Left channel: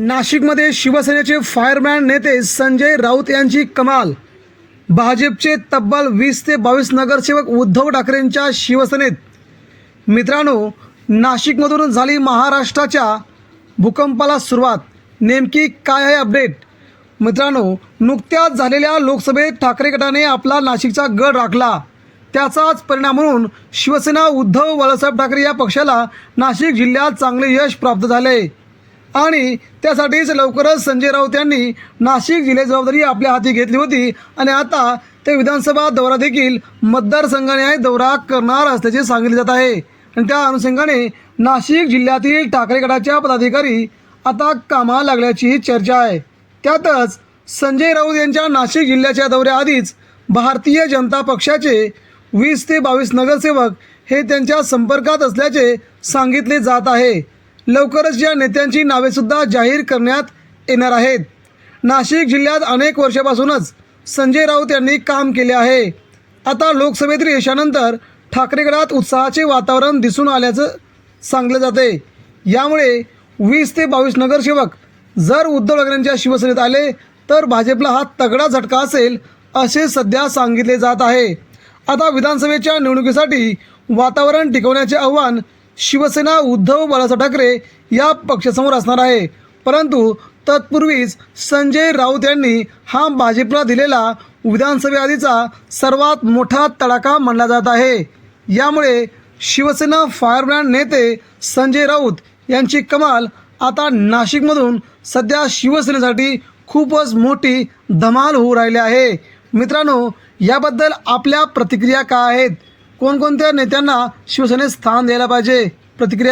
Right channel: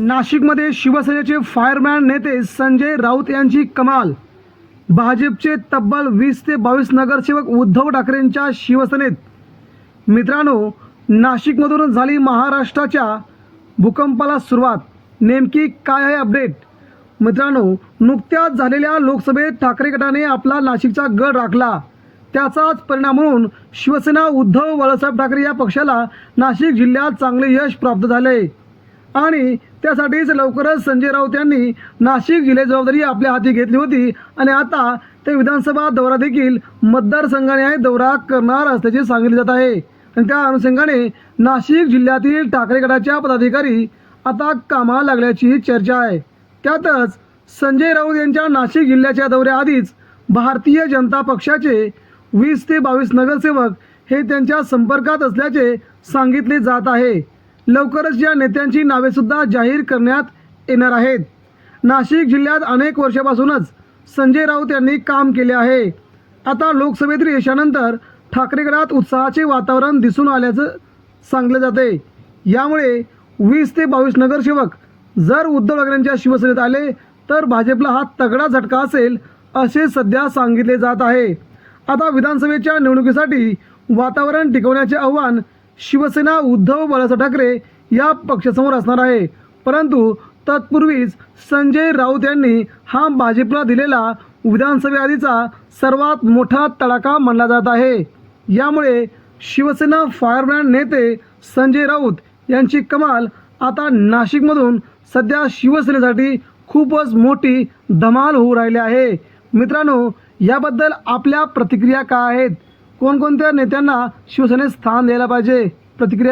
नाशिकमध्ये शिवसेनेचे फायरमॅन नेते संजय राऊत यांची कमाल. भाजपचे तब्बल वीस ते बावीस नगरसेवक उद्धव ठाकरेंच्या शिवसेनेत. मित्रांनो नाशिकमधून झाली महाराष्ट्राच्या भूकंपाला सुरुवात. नेमकी काय आहे अपडेट? मित्रांनो नुकत्याच झालेल्या लोकसभेत ठाकरे गटाने आपला नाशिकचा गड राखला. त्याचाच परिणाम म्हणून शिवसेना उद्धव बाळासाहेब ठाकरे या पक्षाला नाशिक जिल्ह्यात चांगले यश प्राप्त झाले. आणि त्यासाठीच लवकरच संजय राऊत यांनी नाशिक जिल्ह्याची जबाबदारी आपल्या हाती घेतली होती. आणि आता ते विधानसभा दौरा देखील मतदारसंघाने दौरा करणार असल्याचे सांगितले जात आहे. आणि त्या अनुषंगाने नाशिक जिल्ह्यातील ठाकरे गटाच्या पदाधिकारी आता कामा लागल्याची चर्चा आहे. त्यातच संजय राऊत यांच्या नाशिक जिल्ह्याच्या दौऱ्याआधीच भारतीय जनता पक्षाचे वीस ते बावीस नगरसेवक हे त्यांच्या संपर्कात असल्याचे सांगितले जात आहे. लवकरच या नेत्यांची नावेसुद्धा जाहीर करण्यात येणार आहेत. नाशिक जिल्ह्यात अनेक वर्षापासूनच संजय राऊत यांनी काम केले आहे. आता लोकसभेतील यशानंतर ठाकरेगडात उत्साहाचे वातावरण दिसून आल्याचं सांगलं जाते यामुळे वीस ते बावीस नगरसेवक जर उद्धव ठाकरेंच्या शिवसेनेत आले तर भाजपला हा तगडा झटका असेल असे सध्या सांगितले जात आहे. आता विधानसभेच्या निवडणुकीसाठी वातावरण टिकवण्याचे आव्हान शिवसेना उद्धव बाळासाहेब ठाकरे या पक्षासमोर असणार आहे. परंतु तत्पूर्वीच संजय राऊत यांनी हा भाजपला दिलेला विधानसभेआधीचा सर्वात मोठा तडाखा मानला जात आहे. यामुळे शिवसेना फायरमॅन नेते संजय राऊत यांची कमाल आता नाशिकमधून सध्या शिवसेनेसाठी खूपच मोठी धमाल होऊ राहिली आहे. मित्रांनो याबद्दल आपल्या प्रतिक्रिया काय आहेत? कोणकोणत्या नेत्यांना शिवसेनेत स्थान द्यायला पाहिजे? प्रतिक्रिया